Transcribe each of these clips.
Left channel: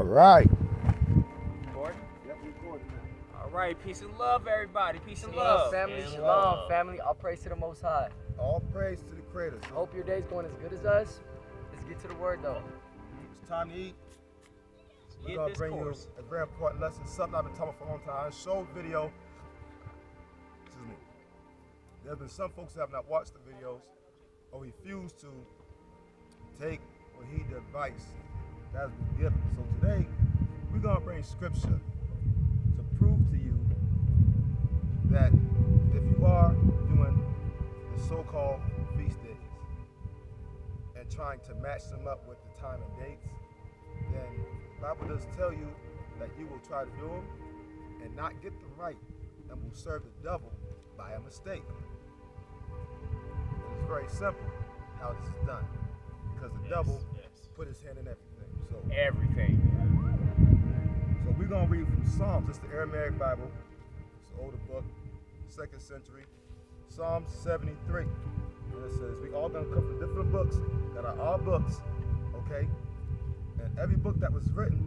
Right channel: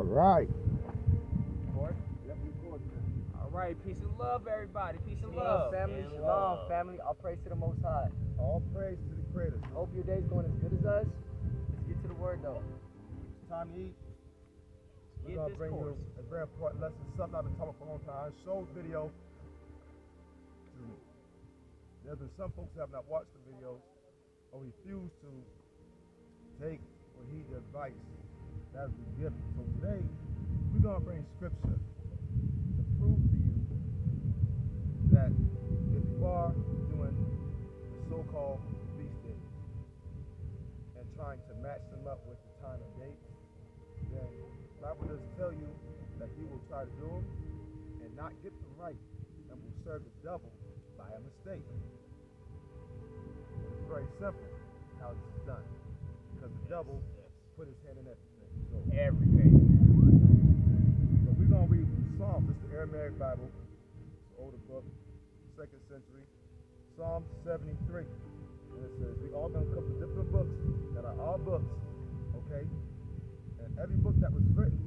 All right. Recording? Yep, recording. All right, peace and love, everybody. Peace and Shalom, love. family. And Shalom, love. family. All praise to the Most High. All praise to the Creator. Hope your day's going as good as us. Let's get to the word, though. It's time to eat. We're Get gonna this bring course. you a very important lesson, something I've been talking for a long time. Show video. Excuse me. There's been some folks that have not watched the videos or refused to take or heed the advice that has been given. So today, we're gonna bring scripture to prove to you that if you are doing the so-called feast days and trying to match them up with the time and dates, then the Bible does tell you that you will try to do them and not get them right and will serve the devil by a mistake. It's very simple how this is done because the devil put his hand in everything. So Everything. we're going to read from Psalms. It's the Aramaic Bible. It's an older book, 2nd century. Psalm 73. And it says, we all going to come from different books that are our books, okay? And every book that was written,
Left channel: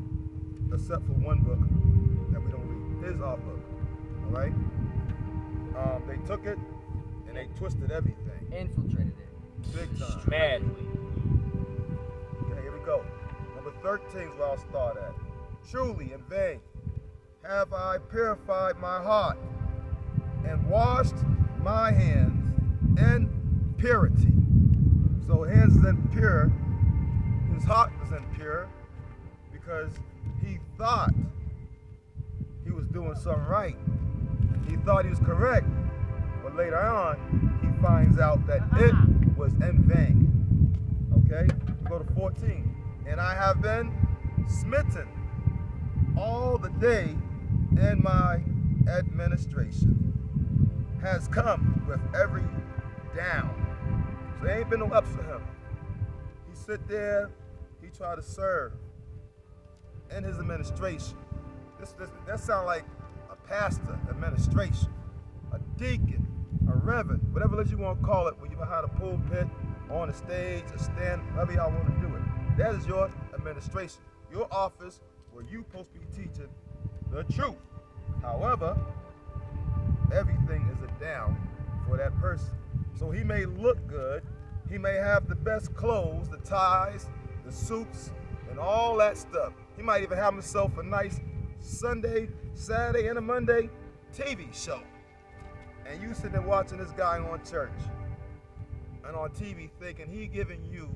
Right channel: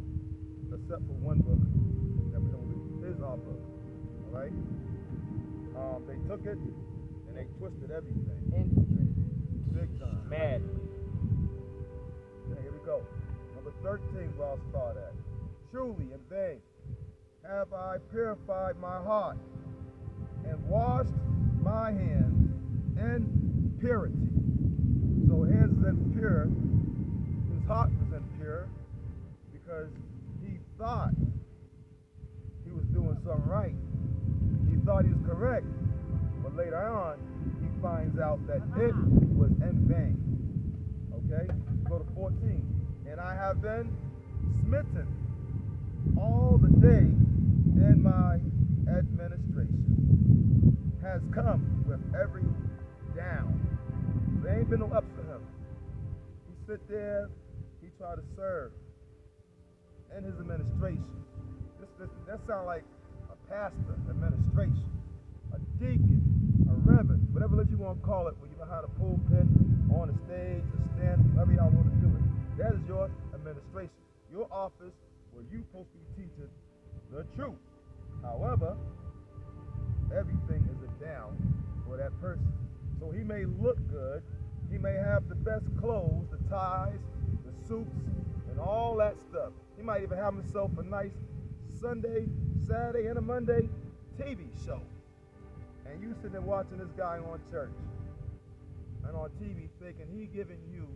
except for one book that we don't read, is our book, all right? They took it and they twisted everything. Infiltrated it. Big time. Madly. Okay, here we go. Number 13 is where I'll start at. Truly in vain have I purified my heart and washed my hands in purity. So hands is impure. His heart was impure because he thought he was doing something right. He thought he was correct. But later on, he finds out that it was in vain. Okay? Go to 14. And I have been smitten all the day, and my administration has come with every down. So there ain't been no ups for him. He sit there, he try to serve in his administration. That sound like a pastor administration, a deacon, a reverend, whatever it is you want to call it, when you're behind a pulpit, on the stage, a stand, however y'all want to do it. That is your administration, your office where you're supposed to be teaching the truth. However, everything is a down for that person. So he may look good, he may have the best clothes, the ties, the suits, and all that stuff. He might even have himself a nice Sunday, Saturday, and a Monday TV show. And you sitting there watching this guy on church and on TV thinking he giving you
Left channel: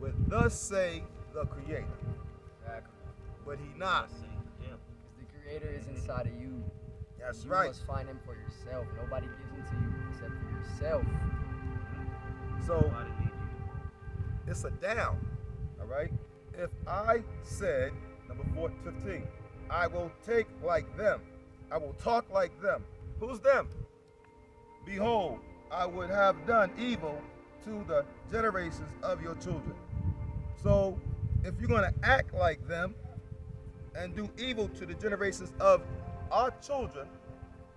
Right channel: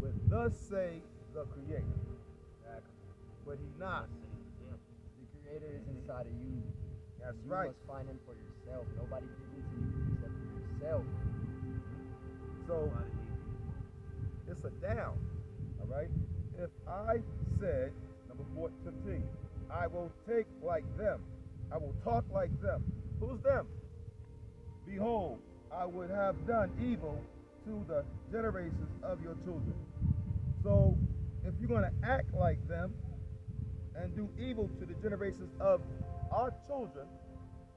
what thus say the Creator. Exactly. But he not. Because the Creator is inside of you. That's You right. must find him for yourself. Nobody gives him to you except for yourself. So it's a down, all right? If I said, number 15, I will take like them, I will talk like them. Who's them? Behold, I would have done evil to the generations of your children. So if you're going to act like them and do evil to the generations of our children,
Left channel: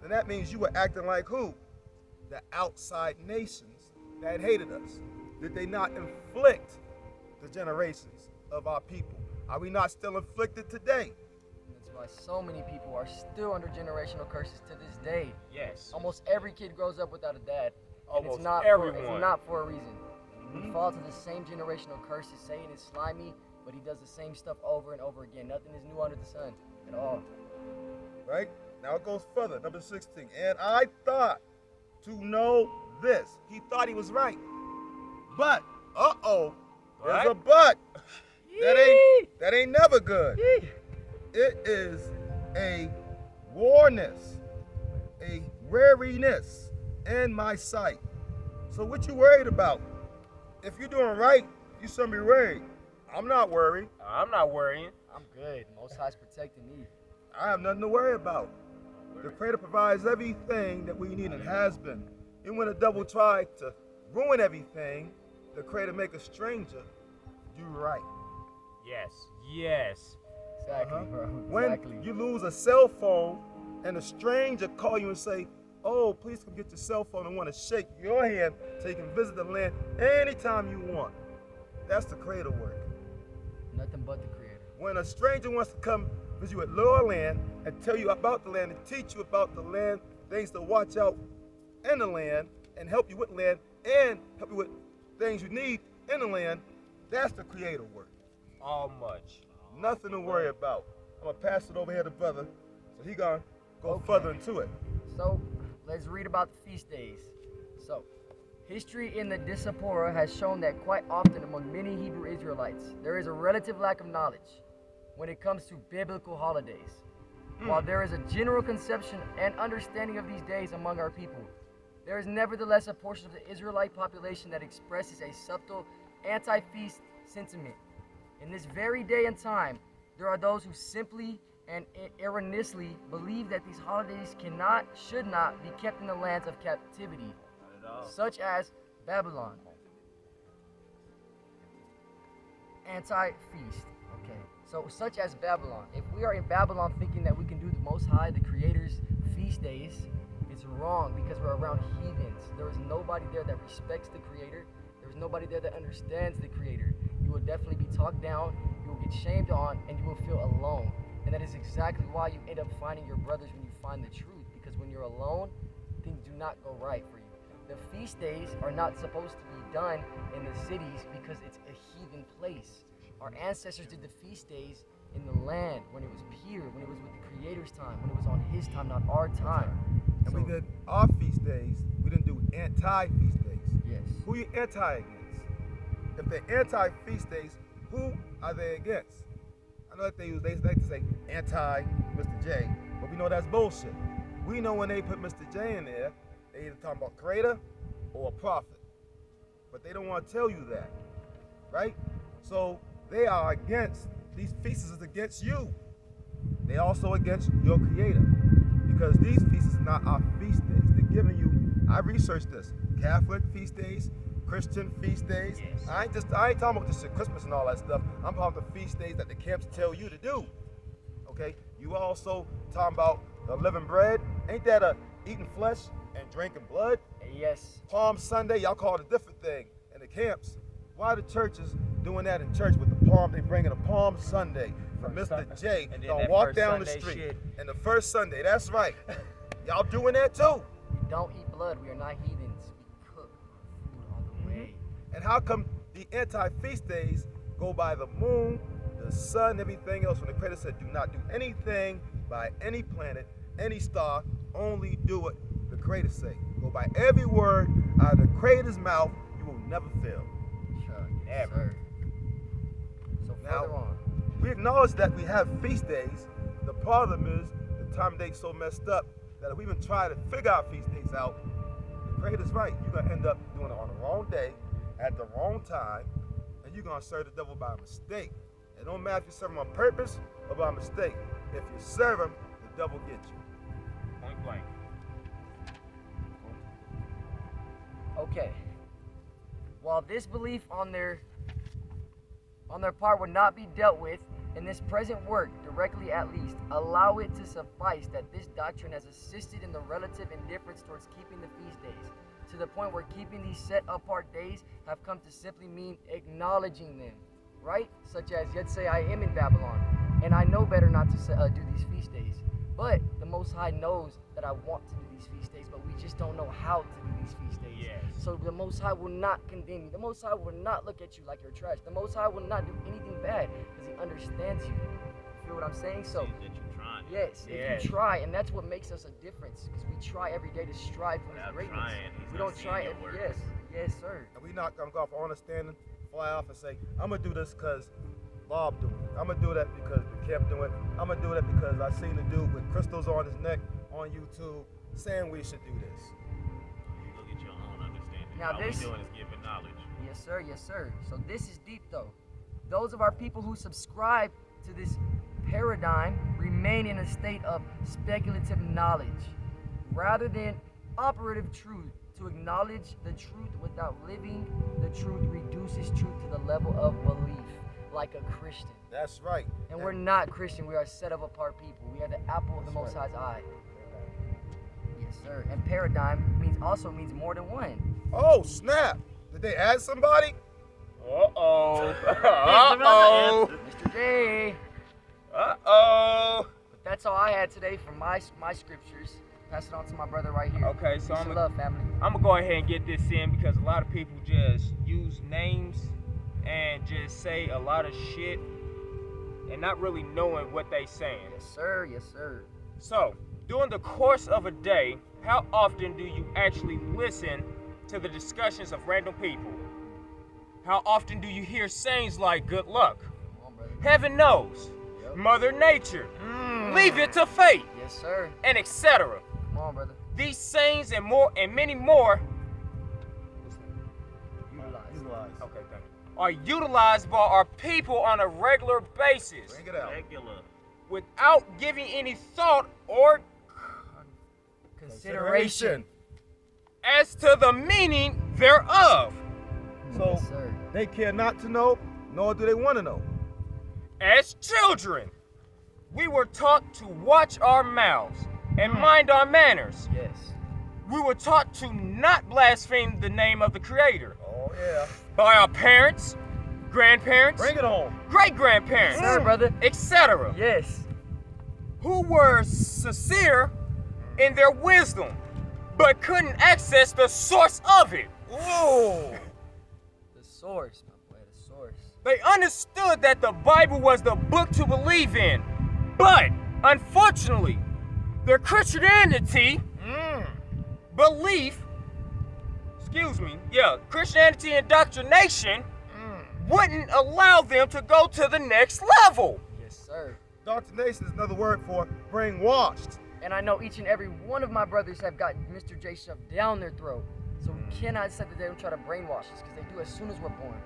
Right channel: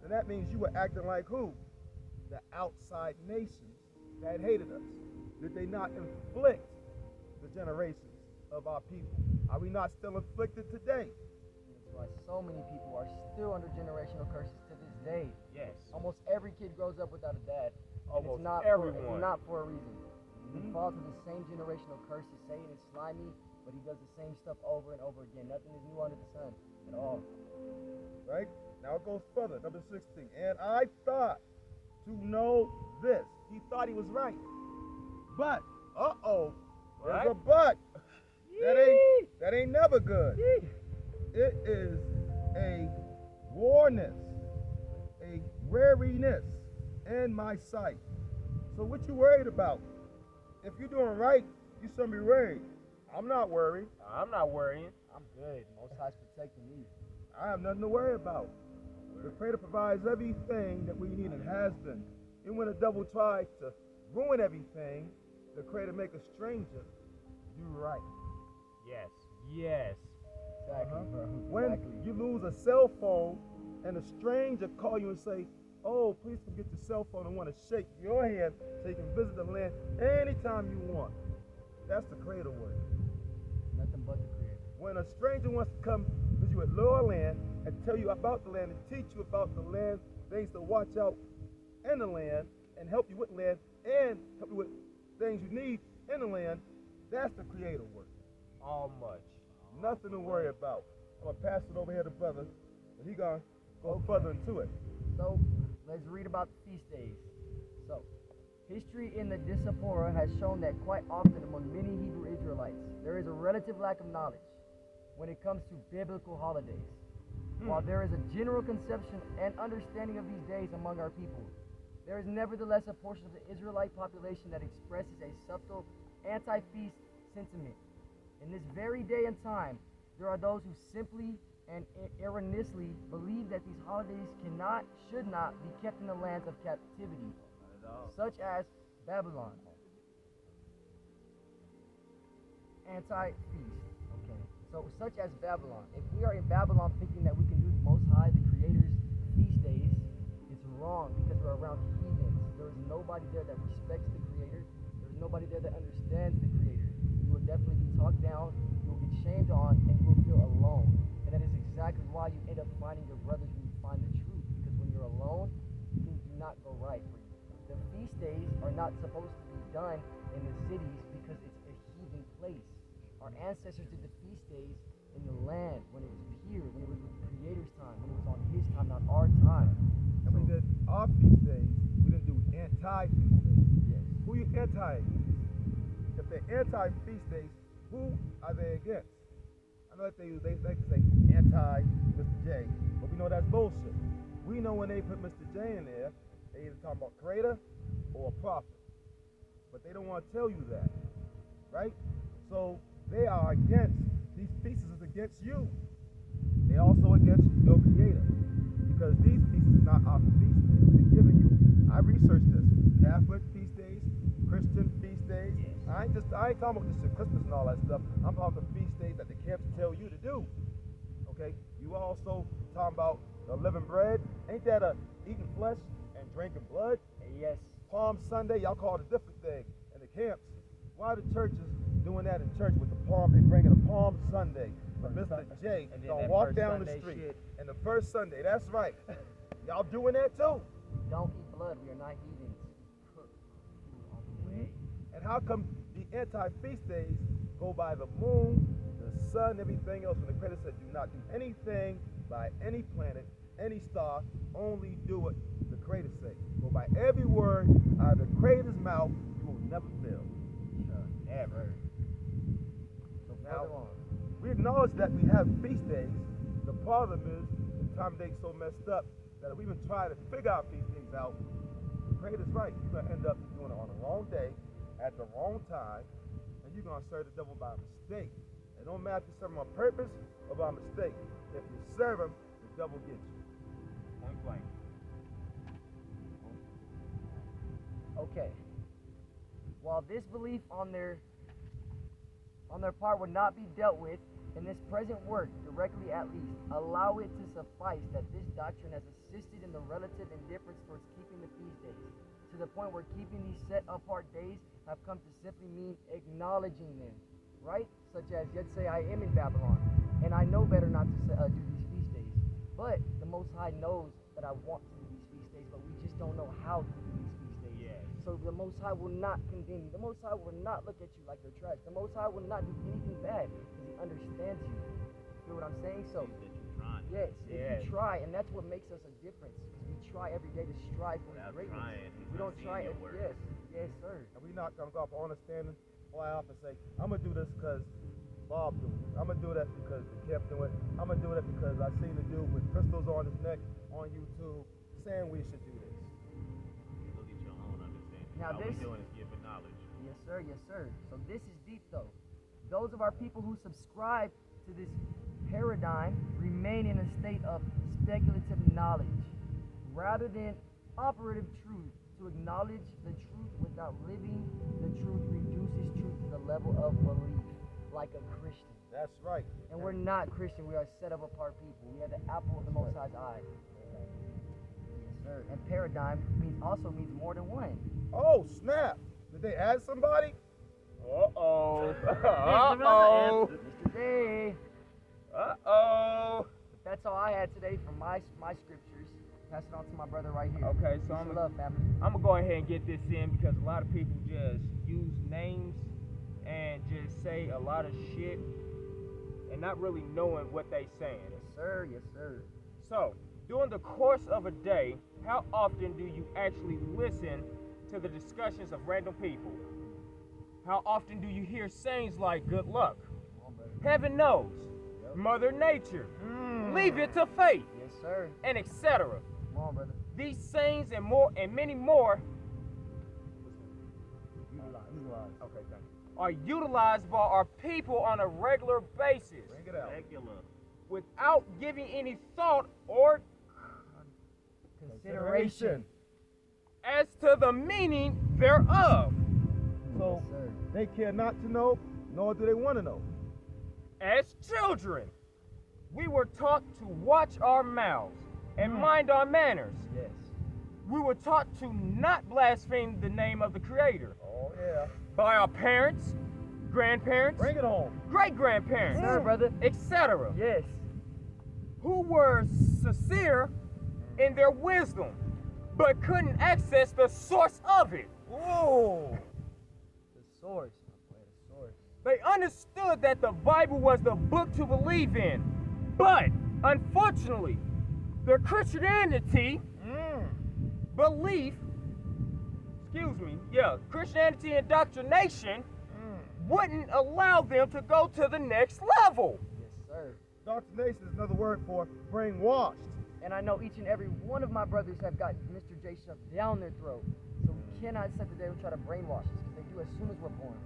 then that means you were acting like who? The outside nations that hated us. Did they not inflict the generations of our people? Are we not still inflicted today? That's why so many people are still under generational curses to this day. Yes. Almost every kid grows up without a dad. And Almost it's not everyone. it's not for a reason. We fall to the same generational curses. Satan is slimy, but he does the same stuff over and over again. Nothing is new under the sun at all. Right? Now it goes further. Number 16. And I thought to know this. He thought he was right. But, there's a but. That ain't never good. It is a warness, a wariness in my sight. So what you worried about? If you're doing right, you shouldn't be worried. I'm not worried. I'm not worrying. I'm good. Most High's protecting me. I have nothing to worry about. The Creator provides everything that we need and has been. And when the devil tried to ruin everything, the Creator make a stranger do right. Yes. Yes. Exactly, bro. When Exactly. you lose a cell phone and a stranger call you and say, oh, please come get your cell phone and want to shake your hand so you can visit the land anytime you want. That's the Creator work. Nothing but the Creator. when a stranger wants to come visit you at lower land and tell you about the land and teach you about the land, things to watch out in the land, and help you with land, and help you with things you need in the land, that's the creator work. All much. Nothing to worry about. I'm gonna pass it over here to brother, so he gonna go Okay. further into it. So, let's read about the feast days. So, history in the Diaspora has shown that quite often among many Hebrew Israelites, there is a relative lack of knowledge when it comes to biblical holidays. While there is a general conception and understanding of these days among our people, there is nevertheless a portion of the Israelite population that expresses a subtle anti-feast sentiment. In this very day and time, there are those who simply and erroneously believe that these holidays should not be kept in the lands of captivity, such as Babylon. Anti-feast. Okay. So, such as Babylon. If we are in Babylon thinking that we can do the Most High, the Creator's feast days, it's wrong because we're around heathens. There is nobody there that respects the Creator. There's nobody there that understands the Creator. You will definitely be talked down, you will get shamed on, and you will feel alone. And that is exactly why you end up finding your brothers when you find the truth. Because when you're alone, things do not go right for you. The feast days are not supposed to be done in the cities because it's a heathen place. Our ancestors did the feast days in the land when it was pure, when it was with the Creator's time, when it was on His time, not our time. And So- we did our feast days. We didn't do anti-feast days. Yes. Who you anti against? If they're anti-feast days, who are they against? I know that they like to say anti Mr. J, but we know that's bullshit. We know when they put Mr. J in there, they either talking about creator or a prophet. But they don't want to tell you that, right? So they are against, these feasts is against you. They also against your creator. Because these feasts are not our feast days. They're giving you, I researched this, Catholic feast days, Christian feast days. Yes. I ain't talking about this shit, Christmas and all that stuff. I'm talking about the feast days that the camps tell you to do. Okay? You also talking about the living bread. Ain't that a eating flesh and drinking blood? Yes. Palm Sunday, y'all call it a different thing in the camps. Why the churches doing that in church with the palm? They bringing a Palm Sunday from First Mr. J. and then Y'all that walk first down the Sunday street. shit. And the first Sunday, that's right. Y'all doing that too. We don't eat blood. We are not heathens. We cook food on the way. And how come the anti-feast days go by the moon, the sun, everything else, when the Creator said, do not do anything by any planet, any star, only do what the Creator say. Go by every word out of the Creator's mouth, you will never fail. Sure. Never. So Now- further on. We acknowledge that we have feast days. The problem is the time date's so messed up that if we even try to figure our feast days out, the Creator's right. You're gonna end up doing it on the wrong day, at the wrong time, and you're gonna serve the devil by mistake. It don't matter if you serve him on purpose or by mistake. If you serve him, the devil gets you. Point blank. Okay. While this belief on their part would not be dealt with in this present work, directly at least, allow it to suffice that this doctrine has assisted in the relative indifference towards keeping the feast days, to the point where keeping these set apart days have come to simply mean acknowledging them, right? Such as, let's say I am in Babylon, and I know better not to do these feast days, but the Most High knows that I want to do these feast days, but we just don't know how to do these feast days. Yes. So the Most High will not condemn you. The Most High will not look at you like you're trash. The Most High will not do anything bad because He understands you. You feel what I'm saying? So, See that you're trying. yes, Yes. if you try, and that's what makes us a difference because we try every day to strive for His Without greatness. trying, He's We not don't seeing try your it. work. Yes, sir. And we not gonna go off understanding, fly off and say, I'm gonna do this because Bob doing it. I'm gonna do that because the camp doing it. I'm gonna do that because I seen the dude with crystals on his neck on YouTube saying we should do this. Look at your own understanding. Now All this- we doing is giving knowledge. Yes, sir. Yes, sir. So this is deep, though. Those of our people who subscribe to this paradigm remain in a state of speculative knowledge rather than operative truth. To acknowledge the truth without living the truth reduces truth to the level of belief, like a Christian. That's right. And we're not Christian. We are set of apart people. We are the apple of the Most High's eye. Yes, sir. And paradigm also means more than one. Oh snap! Did they add somebody? Uh-oh. Uh-oh. Mr. J. that's all I had today from my scriptures. Pass it on to my brother right here. Okay, so Peace and love, family. I'm gonna go ahead and get this in because a lot of people just use names and just say a lot of shit and not really knowing what they saying. Yes, sir. Yes, sir. So, during the course of a day, how often do you actually listen to the discussions of random people? How often do you hear sayings like good luck, Come on, brother. heaven knows, Yep. Mother Nature, leave it to fate, Yes, sir. and etc.? Come on, brother. These sayings and more and many more Utilize. okay, thank you, are utilized by our people on a regular basis Bring it out. Regular. without giving any thought or Consideration. as to the meaning thereof. So Yes, sir. they care not to know, nor do they want to know. As children, we were taught to watch our mouths and mind our manners. Yes. We were taught to not blaspheme the name of the Creator Oh yeah. by our parents, grandparents, Bring it on. great-grandparents, Yes, sir, brother. etc., Yes. who were sincere in their wisdom, but couldn't access the source of it. Whoa. The source, my boy. The source. They understood that the Bible was the book to believe in, but unfortunately, their Christianity belief, Christianity indoctrination wouldn't allow them to go to the next level. Yes, sir. Indoctrination is another word for brainwashed. And I know each and every one of my brothers have got Mr. J shoved down their throat. So we cannot accept that they don't try to brainwash us because they do as soon as we're born.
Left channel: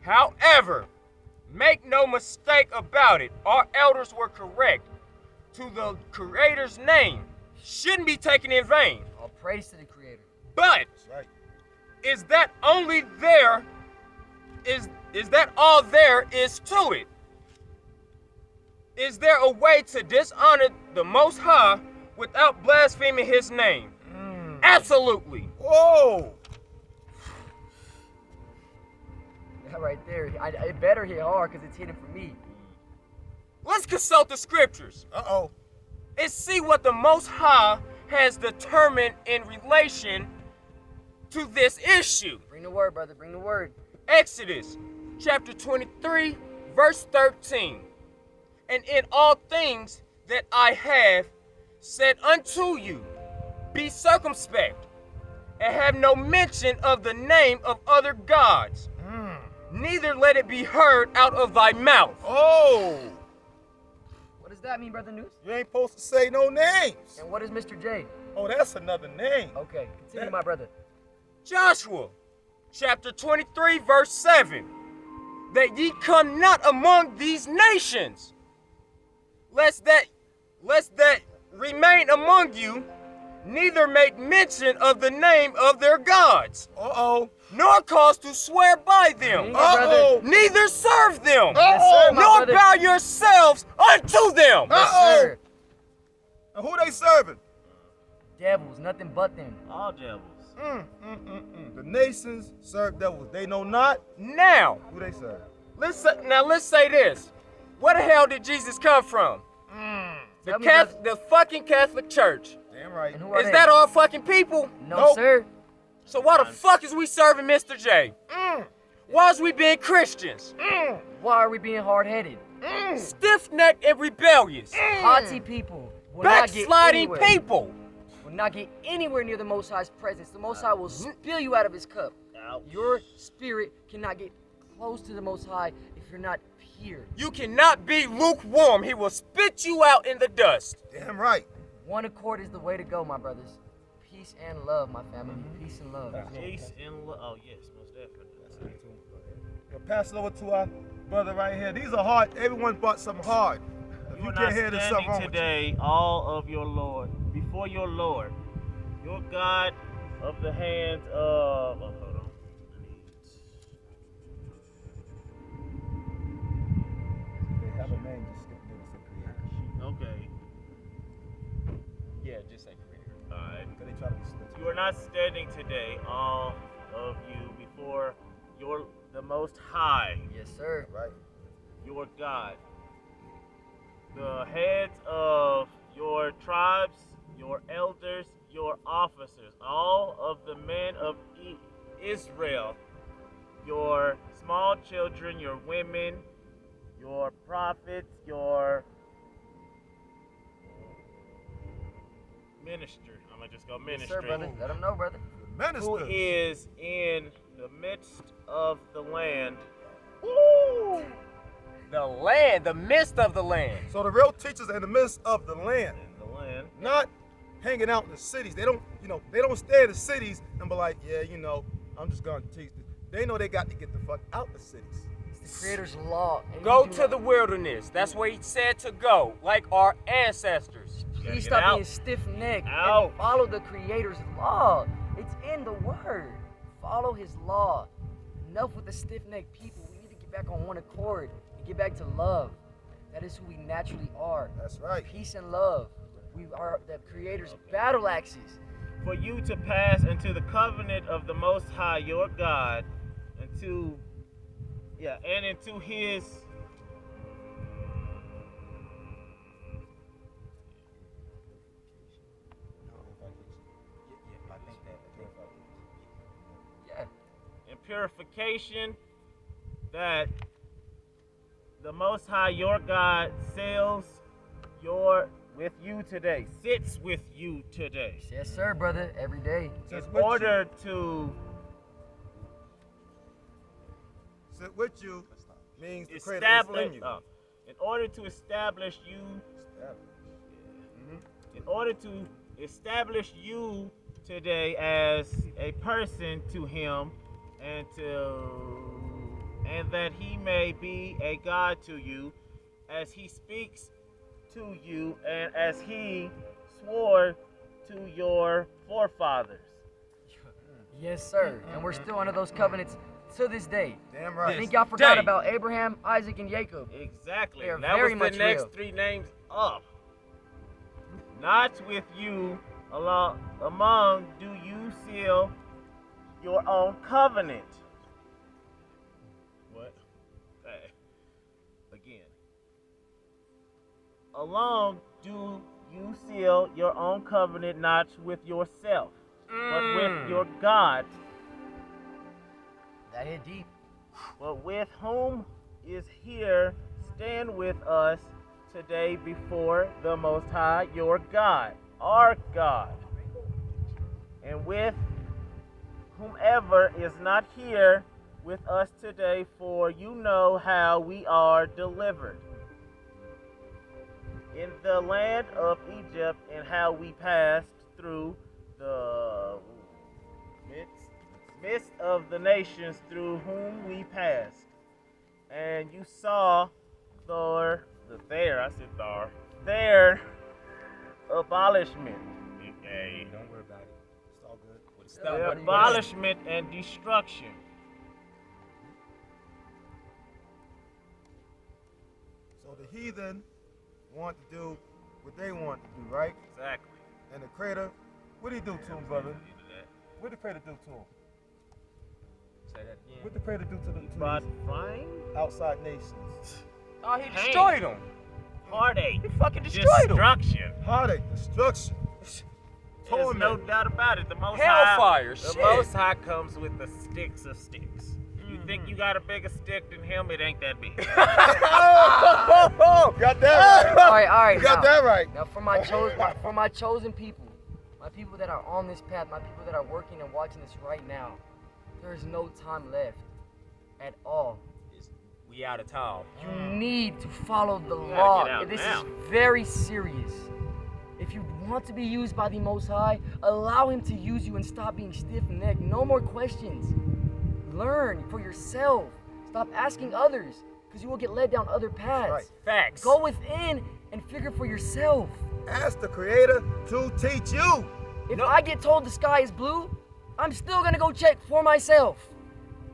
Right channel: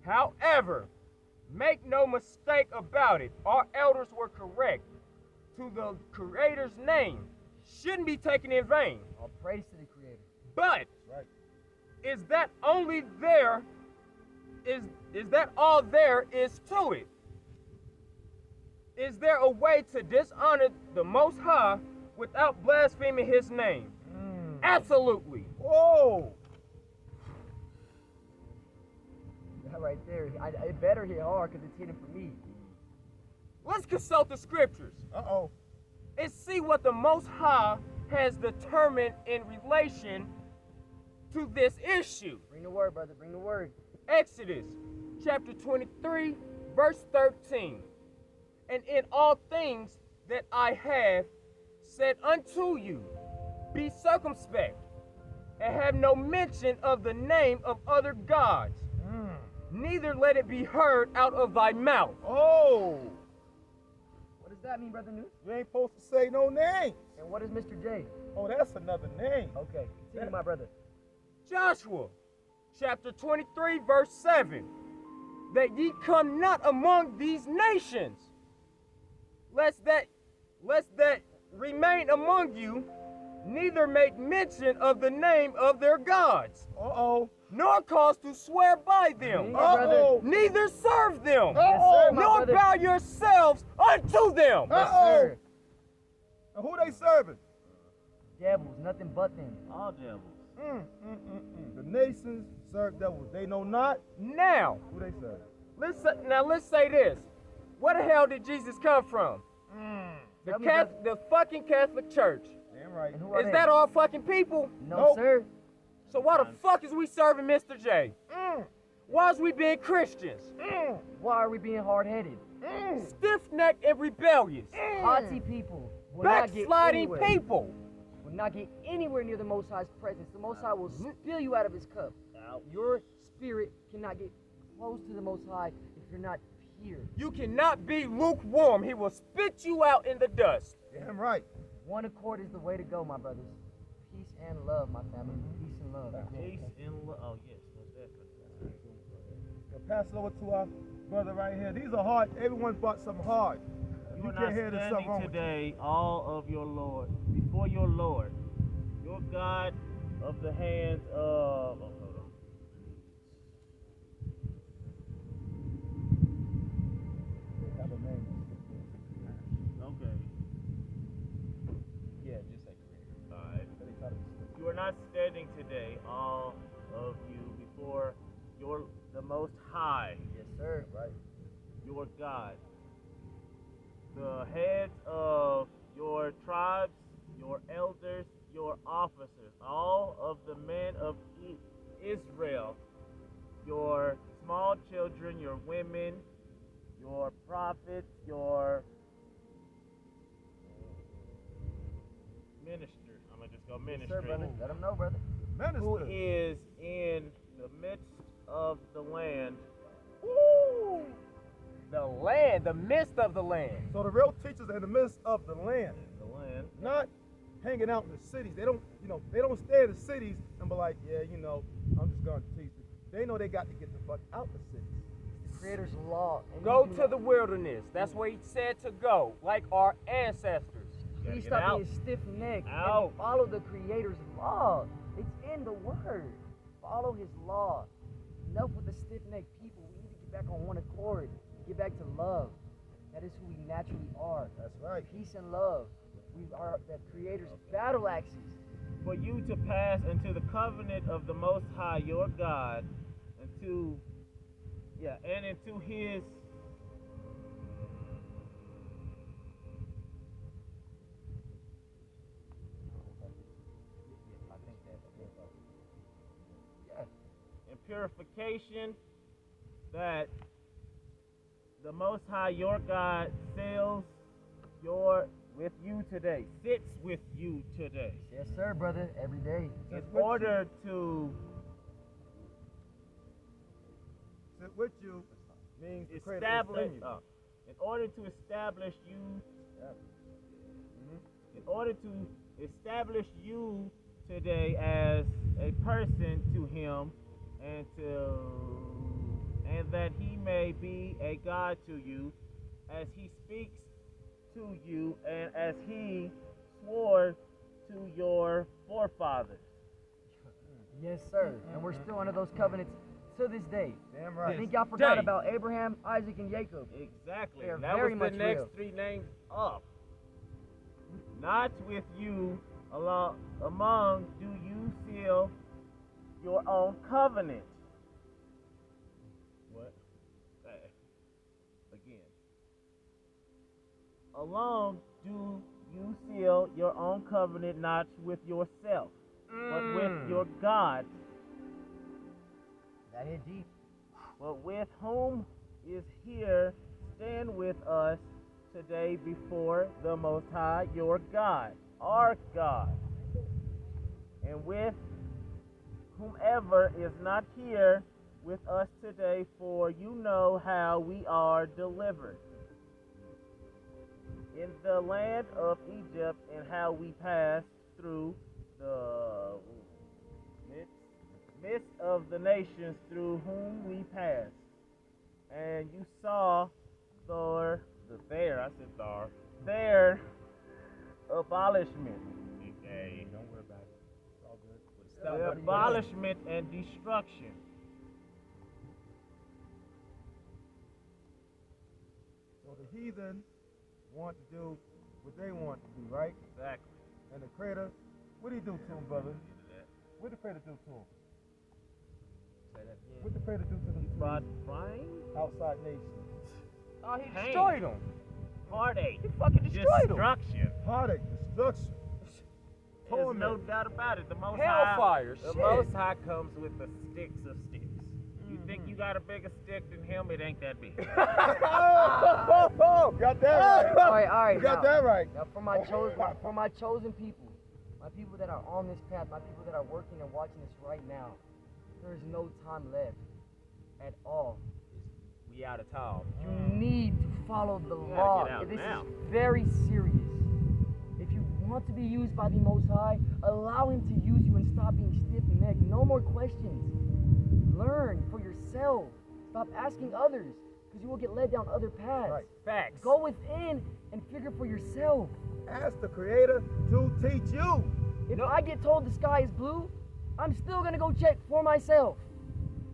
However, make no mistake about it, our elders were correct. To the Creator's name shouldn't be taken in vain. All praise to the Creator. But That's right. is that only there? Is that all there is to it? Is there a way to dishonor the Most High without blaspheming His name? Absolutely. Whoa. That right there, it better hit hard because it's hitting for me. Let's consult the scriptures Uh-oh. and see what the Most High has determined in relation to this issue. Bring the word, brother. Bring the word. Exodus chapter 23, verse 13. And in all things that I have said unto you, be circumspect, and have no mention of the name of other gods, neither let it be heard out of thy mouth. Oh. What does that mean, Brother News? You ain't supposed to say no names. And what is Mr. J? Oh, that's another name. Okay, continue, my brother. Joshua chapter 23, verse 7. That ye come not among these nations, lest that remain among you, neither make mention of the name of their gods, Uh-oh. nor cause to swear by them, Yeah, brother. Uh-oh. neither serve them, Yes, sir, my nor brother. bow yourselves unto them. Yes, Uh-oh. sir. And who they serving? Devils, nothing but them. All devils. The nations serve devils. They know not Now, who they serve. let's say this. Where the hell did Jesus come from? Tell me, brother. The fucking Catholic Church. Damn right. And who are Is they? that all fucking people? No, Nope. sir. So why the fuck is we serving Mr. J? Why is we being Christians? Why are we being hard-headed? Stiff-necked and rebellious. Haughty people will not get Backsliding anywhere. people. Will not get anywhere near the Most High's presence. The Most High will spill you out of His cup. Ouch. Your spirit cannot get close to the Most High if you're not pure. You cannot be lukewarm. He will spit you out in the dust. Damn right. One accord is the way to go, my brothers. Peace and love, my family. Peace and love. Peace and love. Oh, yes, most definitely. We'll pass it over to our brother right here. These are hard. Everyone bought something hard. If You you are can't not hear, there's something standing wrong with you. today, all of your Lord, before your Lord, your God of the hands of. Oh, hold on. They have a name. Just skip this. Okay. Yeah, just say creator. All right. Because they try to switch. You are not standing today, all of you, before the Most High, Yes, sir. Right. your God. the heads of your tribes, your elders, your officers, all of the men of Israel, your small children, your women, your prophets, your minister. I'm gonna just go Yes, ministry. sir, brother. Let them know, brother. Who Ministers. is in the midst of the land. The land, the midst of the land. So the real teachers are in the midst of the land, In the land. not hanging out in the cities. They don't, they don't stay in the cities and be like, yeah, I'm just gonna teach. They know they got to get the fuck out the cities. It's the Creator's law. And Go you do to not- the wilderness. That's where he said to go, like our ancestors. Gotta Please get stop out. being stiff-necked Out. and follow the Creator's law. It's in the Word. Follow His law. Enough with the stiff-necked people. We need to get back on one accord and get back to love. That is who we naturally are. That's right. Peace and love. We are the Creator's battle axes. For you to pass into the covenant of the Most High your God, and into His Yeah. and purification, that the Most High your God with you today, sits with you today, Yes, sir, brother. Every day. in Sits with order to Sit with you means the Creator is establish, in you. in order to establish you, in order to establish you today as a person to Him, and that He may be a God to you, as He speaks to you, and as He swore to your forefathers. Yes, sir. And we're still under those covenants to this day. Damn I right. think y'all forgot day. about Abraham, Isaac, and Jacob. Exactly. They are And that very was the much next real. 3 names up. Not with you among do you seal your own covenant. What? Okay. Again. Alone do you seal your own covenant, not with yourself, but with your God. That hit deep. But with whom is here, stand with us today before the Most High, your God, our God. And with whomever is not here with us today, for you know how we are delivered in the land of Egypt, and how we passed through the midst of the nations through whom we passed. And you saw their abolishment. Okay. Don't worry about it. It's all good. Yeah, Their buddy. abolishment and destruction. So the heathen want to do what they want to do, right? Exactly. And the Creator, what did He do to them, brother? What did the Creator do to them? Say that again. What did the Creator do to them? But frying, Outside nations. Oh, he Pain. destroyed them. heartache, He fucking destroyed them. destruction. Heartache, destruction. There's no Torment. doubt about it. The Most Hellfire, High, the shit. Most High comes with the sticks of sticks. You think you got a bigger stick than Him? It ain't that big. Got that right. All right. You got that right. Now, for my chosen people, my people that are on this path, my people that are working and watching this right now, there is no time left at all. We out of town. You need to follow the gotta law. get out This now. is very serious. If you want to be used by the Most High, allow Him to use you and stop being stiff-necked. No more questions. Learn for yourself. Stop asking others, because you will get led down other paths. Right. Facts. Go within and figure for yourself. Ask the Creator to teach you. If I get told the sky is blue, I'm still gonna go check for myself.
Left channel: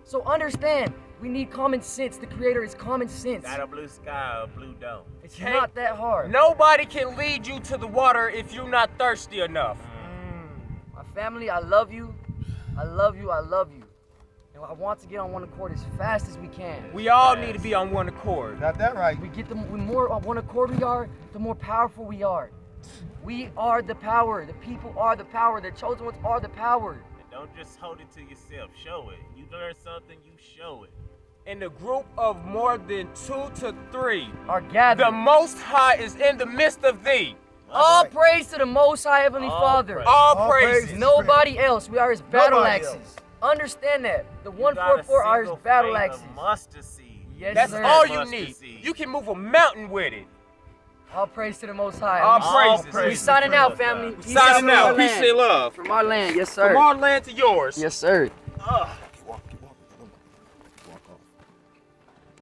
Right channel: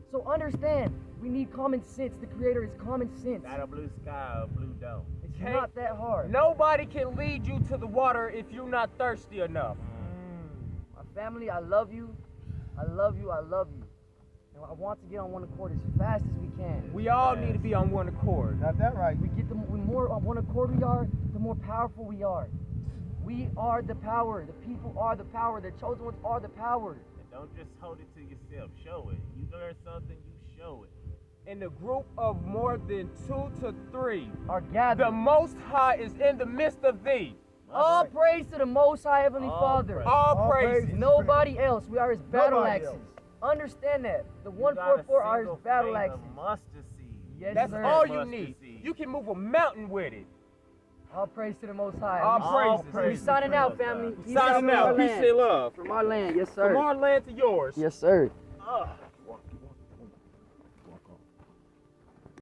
So understand, we need common sense. The Creator is common sense. Got a blue sky, a blue dome. It's Okay. not that hard. Nobody can lead you to the water if you're not thirsty enough. My family, I love you. I love you. I love you. And I want to get on one accord as fast as we can. We all need to be on one accord. Got that right. The more on one accord we are, the more powerful we are. We are the power. The people are the power. The chosen ones are the power. And don't just hold it to yourself. Show it. You learn something, you show it. In the group of more than 2 to 3, Are gathered. the Most High is in the midst of thee. All right. praise to the Most High Heavenly All Father. praise. All All praises. praises. Nobody else. We are His battle Nobody axes. else. Understand that. The You got a 144 are His single battle faith of axes. mustard seed. Yes, That's sir. all you Mustard need. seed. You can move a mountain with it. All praise to the Most High. All We- praises. We signing out, family. We Peace Signing from our out. Peace land. and love. From our land, yes sir. From our land to yours. Yes sir. Ugh.